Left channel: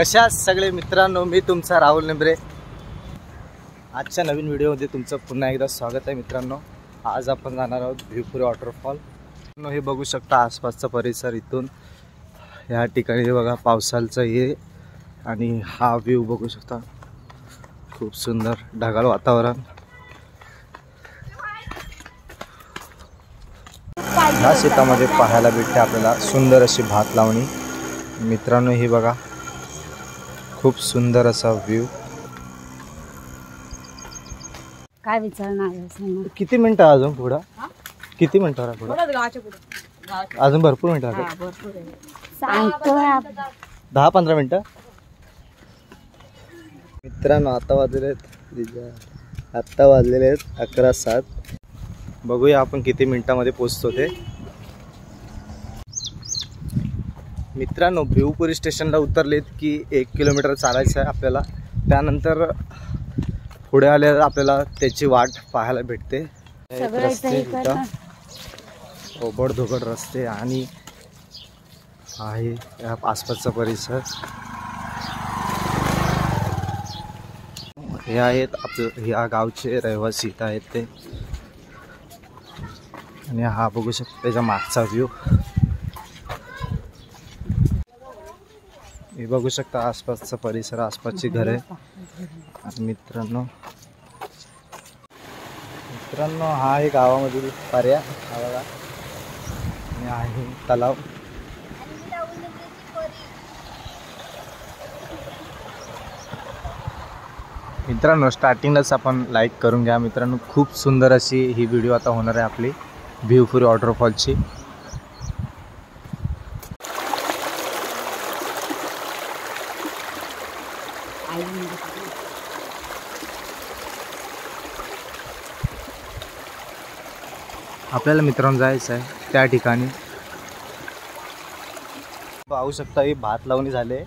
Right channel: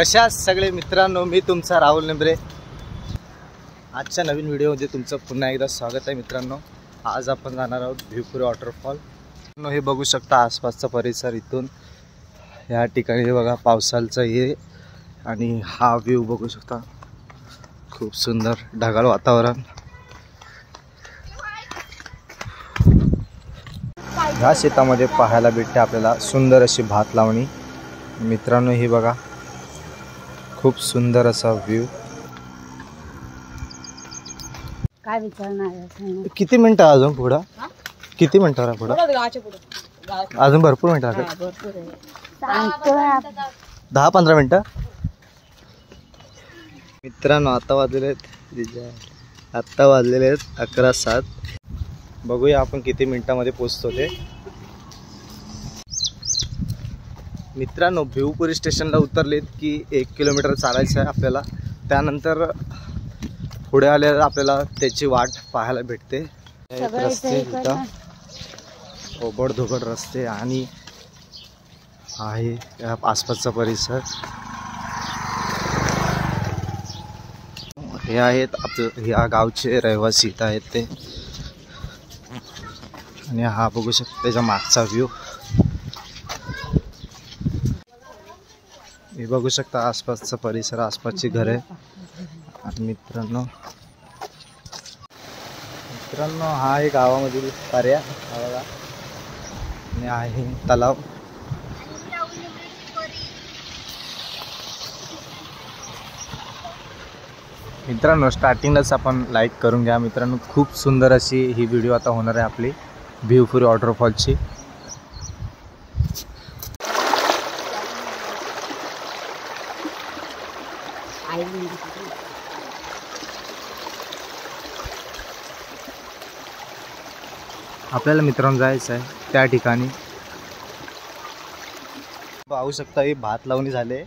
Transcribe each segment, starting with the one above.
कशा सगळे मित्रांनो, मी तुमचा राहुल नेंबरे। आजच्या नवीन व्हिडिओमध्ये तुमचं पुन्हा एकदा स्वागत आहे मित्रांनो। आज आपण जाणार आहोत भिवपुरी वॉटरफॉल। हे बघू शकता आसपासचा परिसर। इथून या ठिकाणी बघा पावसाचं हे आणि हा व्ह्यू बघू शकता, खूप सुंदर ढगाळ वातावरण। ह्या शेतामध्ये पाहायला भेटते आपल्याला सुंदर अशी भात लावणी। मित्रांनो हे बघा, खूप सुंदर असा व्ह्यू। काय विचारणार? किती मिनिटं अजून पुढे? किती मिनिटं पुढे? अजून भरपूर मिनिटं लागतात। 10-15 मिनिटं मित्रांनो। आता वाजलेले आहेत 11:07। बघूया आपण किती मिनिटांमध्ये पोहोचतो ते। मित्रांनो भिवपुरी स्टेशनला उतरलेत की 1 किलोमीटर चालायचं आहे आपल्याला। त्यानंतर पुढे आल्यावर आपल्याला त्याची वाट पाहायला भेटते। रस्ते इथं ओबडधोबड रस्ते आणि आहे या आसपासचा परिसर। हे आहेत या गावचे रहिवासी इथं आहेत ते। आणि हा बघू शकता त्याच्या मागचा व्ह्यू। हे बघू शकता आसपासचा परिसर, आसपासची घरे। आणि मित्रांनो हा आहे गावामधील पर्या हा बघा। आणि आहे तलाव। मित्रांनो स्टार्टिंगलाच आपण लाईक करून घ्या मित्रांनो। खूप सुंदर अशी ही व्हिडिओ आता होणार आहे आपली भिवपुरी वॉटरफॉलची। आपल्याला मित्रांनो जायचं आहे त्या ठिकाणी। पाहू शकता ही भात लावणी झाले,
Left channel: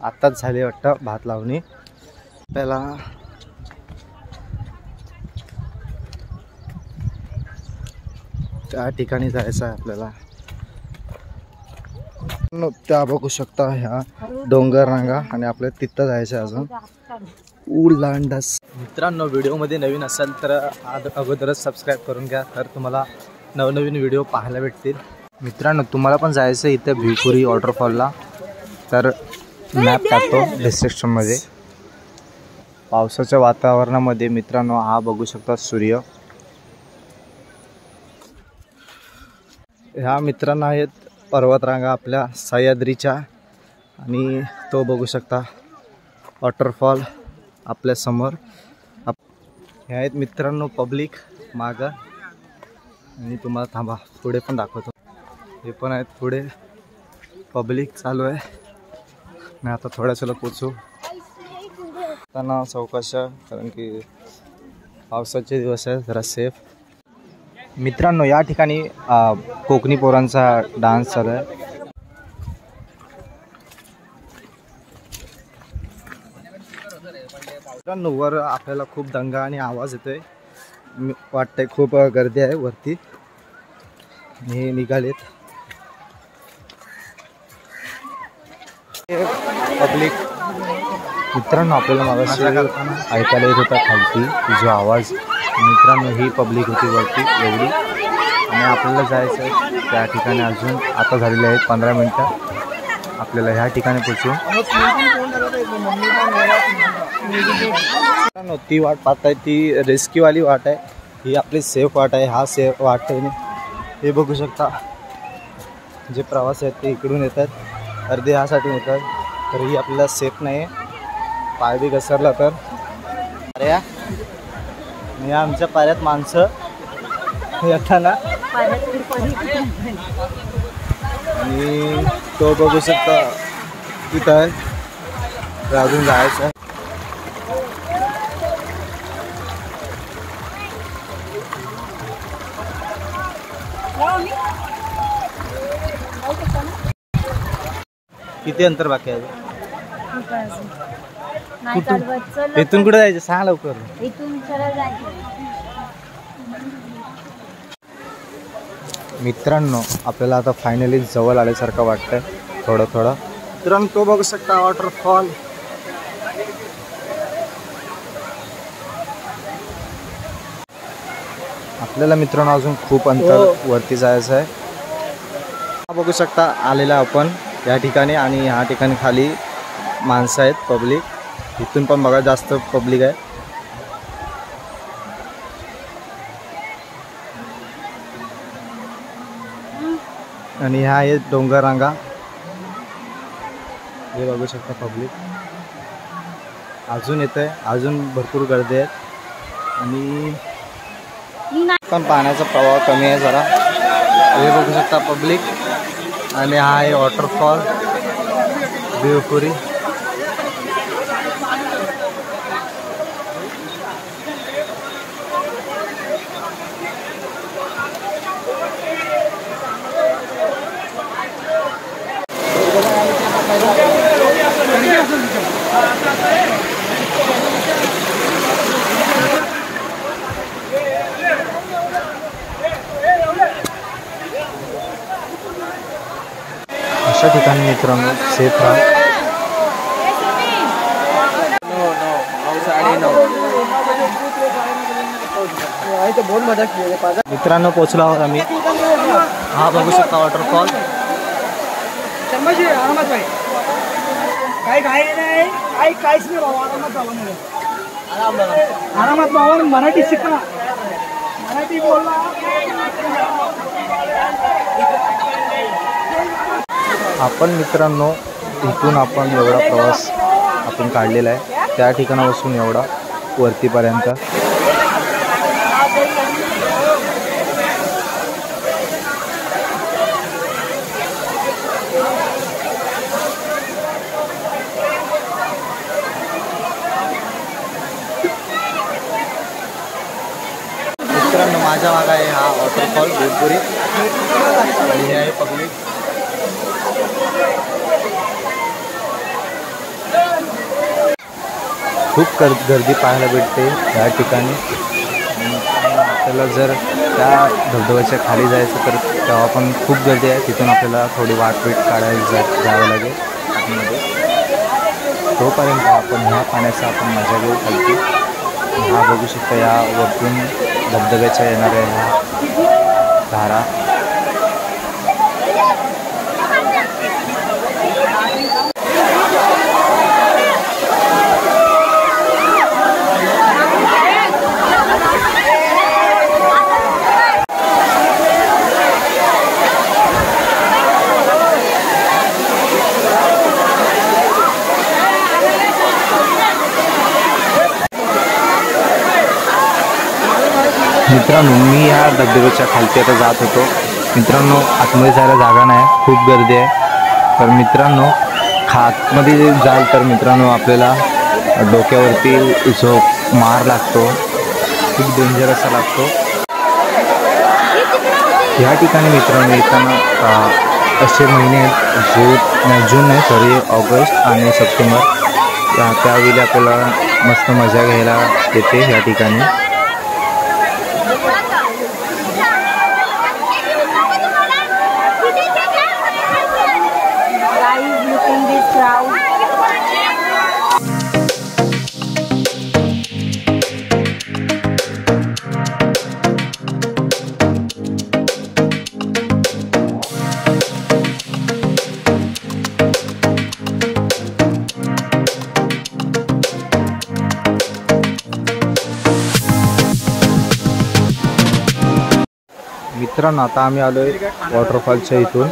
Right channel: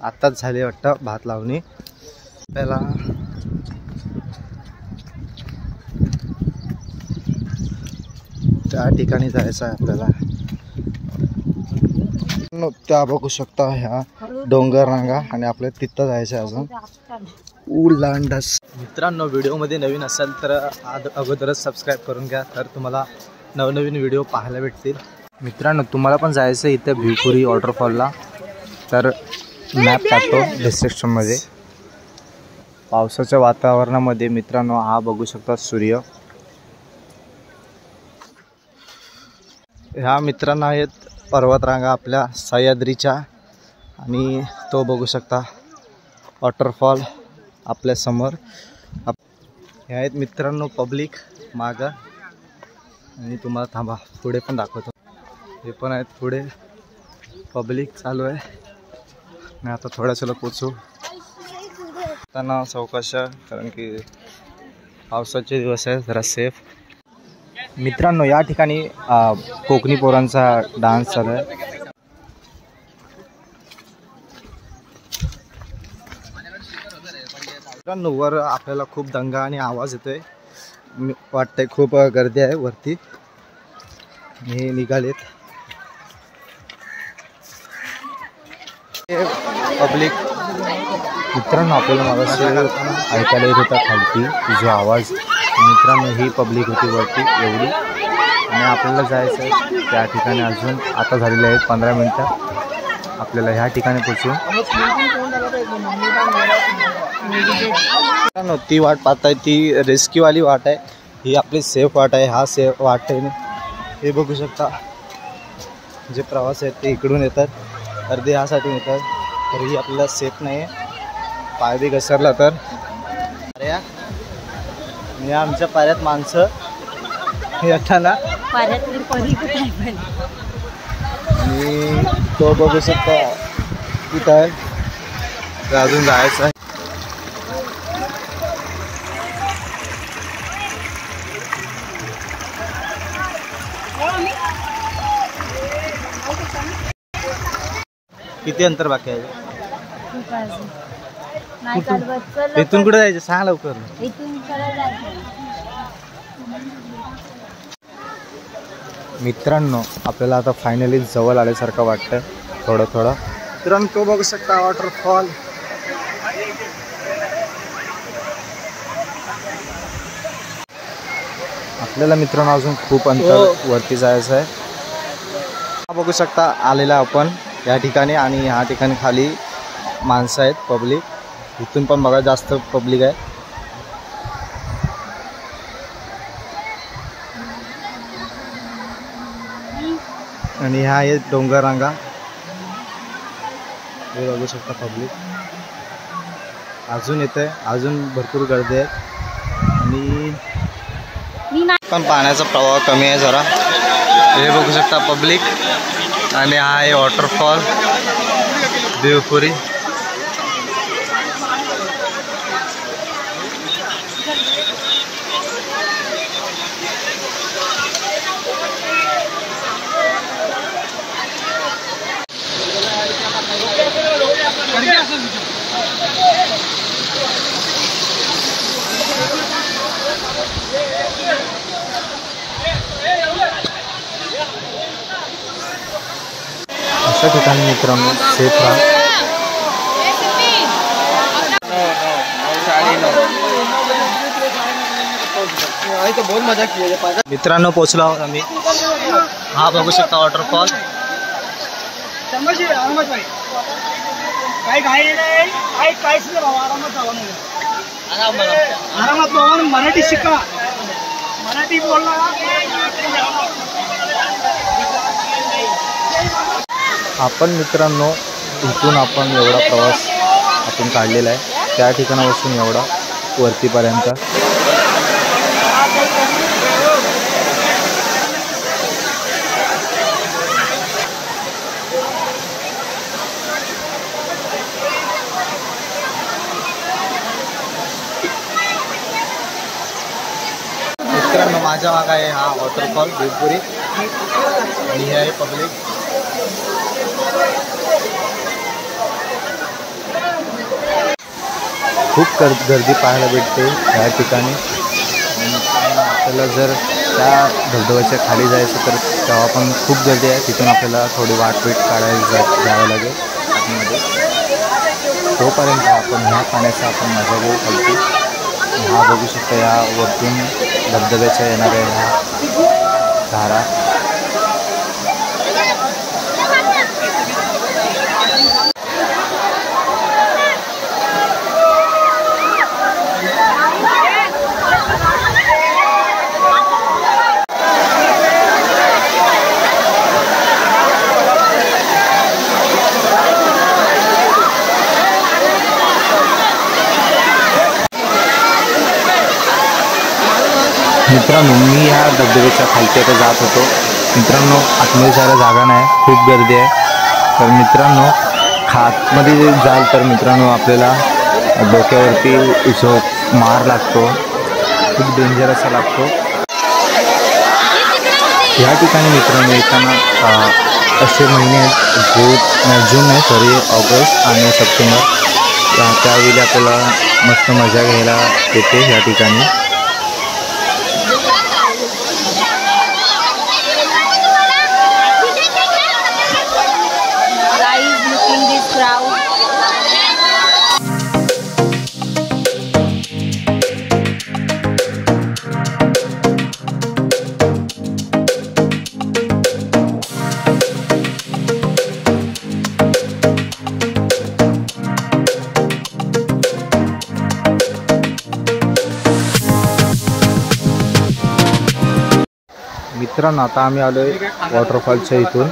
आताच झाले वाटतं भात लावणी। आपल्याला त्या ठिकाणी जायचं आहे आपल्याला। त्या बघू शकता ह्या डोंगर रांगा आणि आपल्याला तिथं जायचं आहे अजून उलांडस। मित्रांनो व्हिडिओमध्ये नवीन असाल तर अगोदरच सबस्क्राईब करून घ्या, तर तुम्हाला नवनवीन व्हिडिओ पाहायला भेटतील। मित्रांनो तुम्हाला पण जायचं आहे इथे भिवपुरी वॉटरफॉलला, तर मॅप टाकतो डिस्क्रिप्शनमध्ये। पावसाच्या वातावरणामध्ये मित्रांनो हा बघू शकता सूर्य। ह्या मित्रांनो आहेत पर्वतरांगा आपल्या सह्याद्रीच्या। आणि तो बघू शकता वॉटरफॉल आपल्या समोर। हे आहेत मित्रांनो पब्लिक मागं। आणि तुम्हाला थांबा पुढे पण दाखवतो। हे पण आहेत पुढे पब्लिक चालू आहे। मी आता थोड्याशा पोचू त्यांना सावकाश, कारण की पावसाचे दिवस आहे, जरा सेफ। मित्रांनो या ठिकाणी कोकणी पोरांचा डान्स चालू आहे। मित्रांनो वर आपल्याला खूप दंगा आणि आवाज येतोय, वाटतंय खूप गर्दी आहे वरती। हे निघालेत पब्लिक। मित्रांनो आपल्याला मागाशी ऐकायला येत होता खालती जो आवाज। मित्रांनो ही पब्लिक होती वरती एवढी। आणि आपल्याला जायचं आहे त्या ठिकाणी अजून आता झालेले आहेत 15 मिनिटं आपल्याला ह्या ठिकाणी पोचून। मित्रांनो ती वाट पाहताय ती रिस्कीवाली वाट आहे, ही आपली सेफ वाट आहे। हा सेफ वाट आहे। हे बघू शकता जे प्रवास आहेत ते इकडून येतात, अर्धे ह्यासाठून येतात, तरीही आपल्याला सेफ नाही आहे। पाय बी घसरला तर। अरे या आमच्या पाऱ्यात माणसं येताना। आणि तो बघू शकता तिथं आहे, तर अजून जायचं आहे। किती अंतर बाकी आहे? इथून कुठे जायचं सांग लवकर। मित्रांनो आपल्याला आता फायनली जवळ आल्यासारखं वाटतंय थोडं थोडं। मित्रांनो तो बघू शकता वॉटरफॉल. आपल्याला मित्रांनो अजून खूप अंतर वरती जायचं आहे. बघू शकता आलेला आपण या ठिकाणी आणि ह्या ठिकाणी खाली माणसं आहेत पब्लिक. इथून पण बघा जास्त पब्लिक आहे. आणि ह्या आहेत डोंगर रांगा. हे बघू शकता पब्लिक अजून येते, अजून भरपूर गर्दी आहेत. आणि पण पाण्याचा प्रवाह कमी आहे जरा. हे बघू शकता पब्लिक. आणि हा आहे वॉटरफॉल देवपुरी. अशा ठिकाणी मित्रांनो सेफ राहा. मित्रांनो पोचलो आहोत आम्ही. हा बघू शकता वॉटरफॉल. आरामात मराठी शिका, मराठी बोलला. आपण मित्रांनो इथून आपण एवढा प्रवास आपण काढलेला आहे. त्या ठिकाणापासून एवढा वरतीपर्यंत. मित्रांनो माझ्या मागे आहे हा वॉटरफॉल देवपुरी. आणि हे आहे पब्लिक. खूप गर्दी पाहायला भेटते या ठिकाणी. आपल्याला जर त्या धबधब्याच्या खाली जायचं तर तेव्हा पण खूप गर्दी आहे. तिथून आपल्याला थोडी वाटपीट काढायला जावं लागेल आतमध्ये. तोपर्यंत आपण ह्या पाण्याचा आपण मजा घेऊ खालती. हा बघू शकता या वरतून धबधब्याच्या येणाऱ्या ह्या धारा. मित्रांनो मी ह्या धबधब्याच्या खालती आता जात होतो. मित्रांनो आतमध्ये जायला जागा नाही, खूप गर्दी आहे. तर मित्रांनो आतमध्ये जाल तर मित्रांनो आपल्याला डोक्यावरती जो मार लागतो खूप डेंजर असा लागतो. ह्या ठिकाणी मित्रांनो येताना असे महिने आहेत, जून नाही सॉरी ऑगस्ट आणि सप्टेंबर. त्यावेळी आपल्याला मस्त मजा घ्यायला येते ह्या ठिकाणी. मित्रांनो आता आम्ही आलोय वॉटरफॉलच्या इथून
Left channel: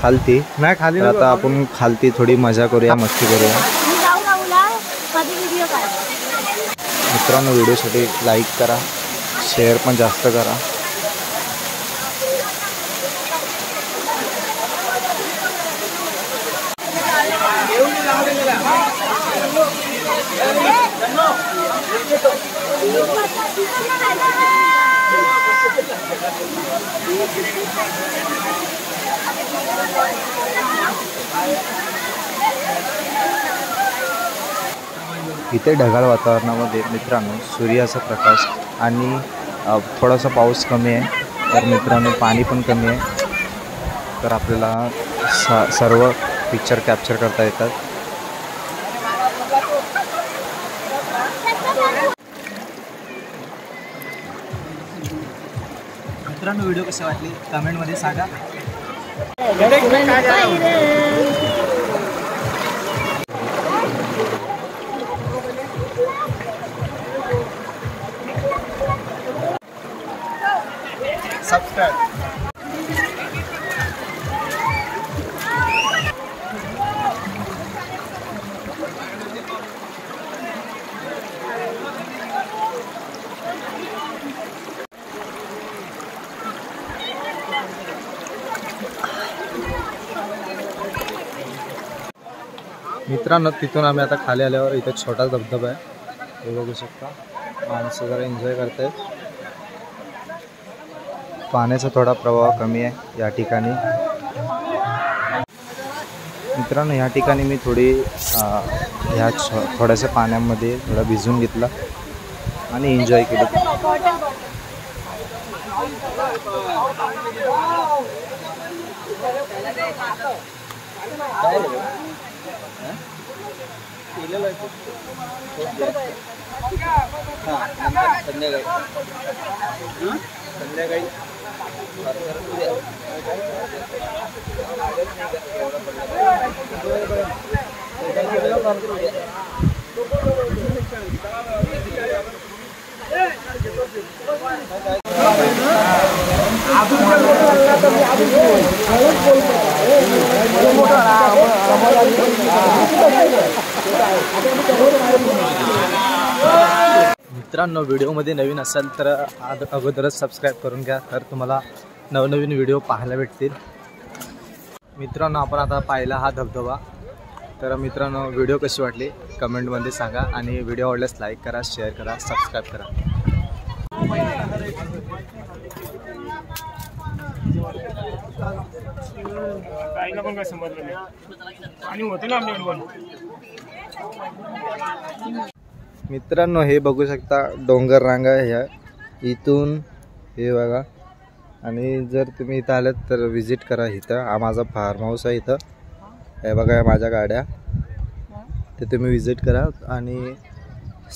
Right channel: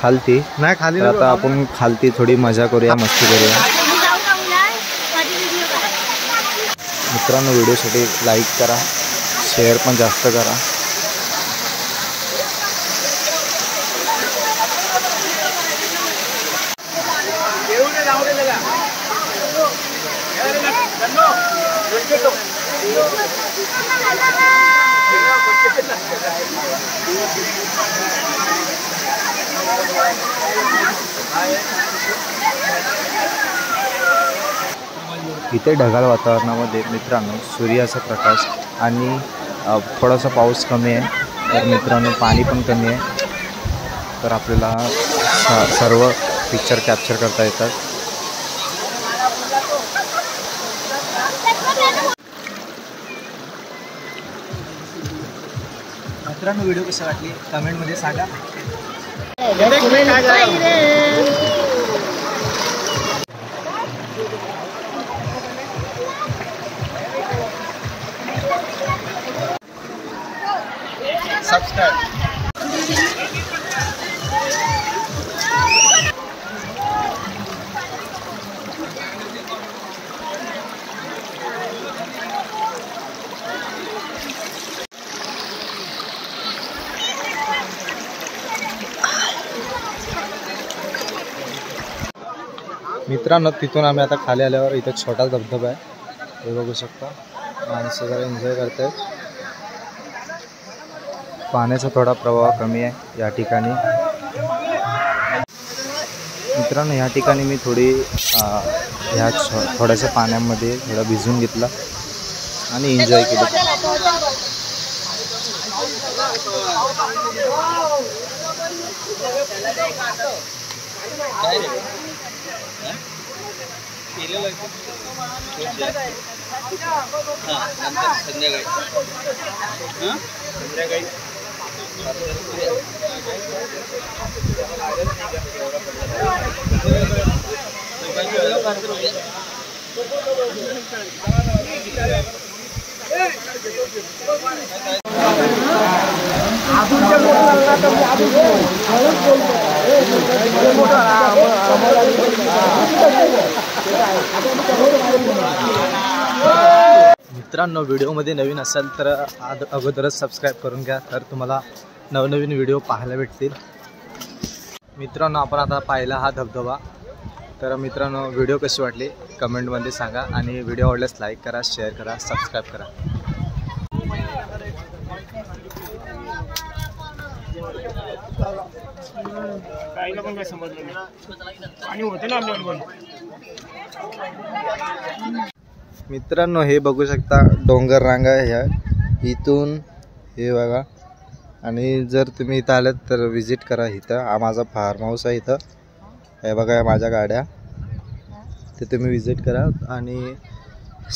खालती. नाही खाली आता आपण खालती थोडी मजा करूया, मस्ती करूया. मित्रांनो व्हिडिओसाठी लाईक करा, शेअर पण जास्त करा. इथे ढगाळ वातावरणामध्ये मित्रांनो सूर्याचा प्रकाश आणि थोडासा पाऊस कमी आहे, तर मित्रांनो पाणी पण कमी आहे. तर आपल्याला सर्व पिक्चर कॅप्चर करता येतात. मित्रांनो व्हिडिओ कशी वाटली कमेंटमध्ये सांगा. सबस्क्राईब. मित्रांनो तिथून आम्ही आता खाली आल्यावर इथे छोटा धबधबा आहे, हे बघू शकता. माणसं जरा एन्जॉय करतायत. पाण्याचा थोडा प्रवाह कमी आहे या ठिकाणी. मित्रांनो या ठिकाणी मी थोडी ह्या थोड्याशा पाण्यामध्ये थोडा भिजून घेतला आणि एन्जॉय केलं. मित्रांनो व्हिडिओमध्ये नवीन असाल तर अगोदरच सबस्क्राईब करून घ्या, तर तुम्हाला नवनवीन व्हिडिओ पाहायला भेटतील. मित्रांनो आपण आता पाहिला हा धबधबा. तर मित्रांनो व्हिडिओ कशी वाटली कमेंटमध्ये सांगा आणि व्हिडिओ आवडल्यास लाईक करा, शेअर करा, सबस्क्राईब करा. काहीला पण काय समजलं नाही. आणि होते ना आमच्याकडे पण. मित्रांनो हे बघू शकता डोंगर रांगा ह्या इथून हे बघा. आणि जर तुम्ही इथं आलात तर विजिट करा. इथं हा माझा फार्म हाऊस आहे. इथं हे बघा या माझ्या गाड्या, ते तुम्ही विजिट करा आणि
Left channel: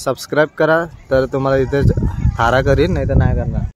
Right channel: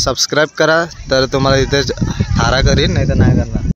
सबस्क्राईब करा. तर तुम्हाला इथे थारा करीन, नाही तर नाही करणार.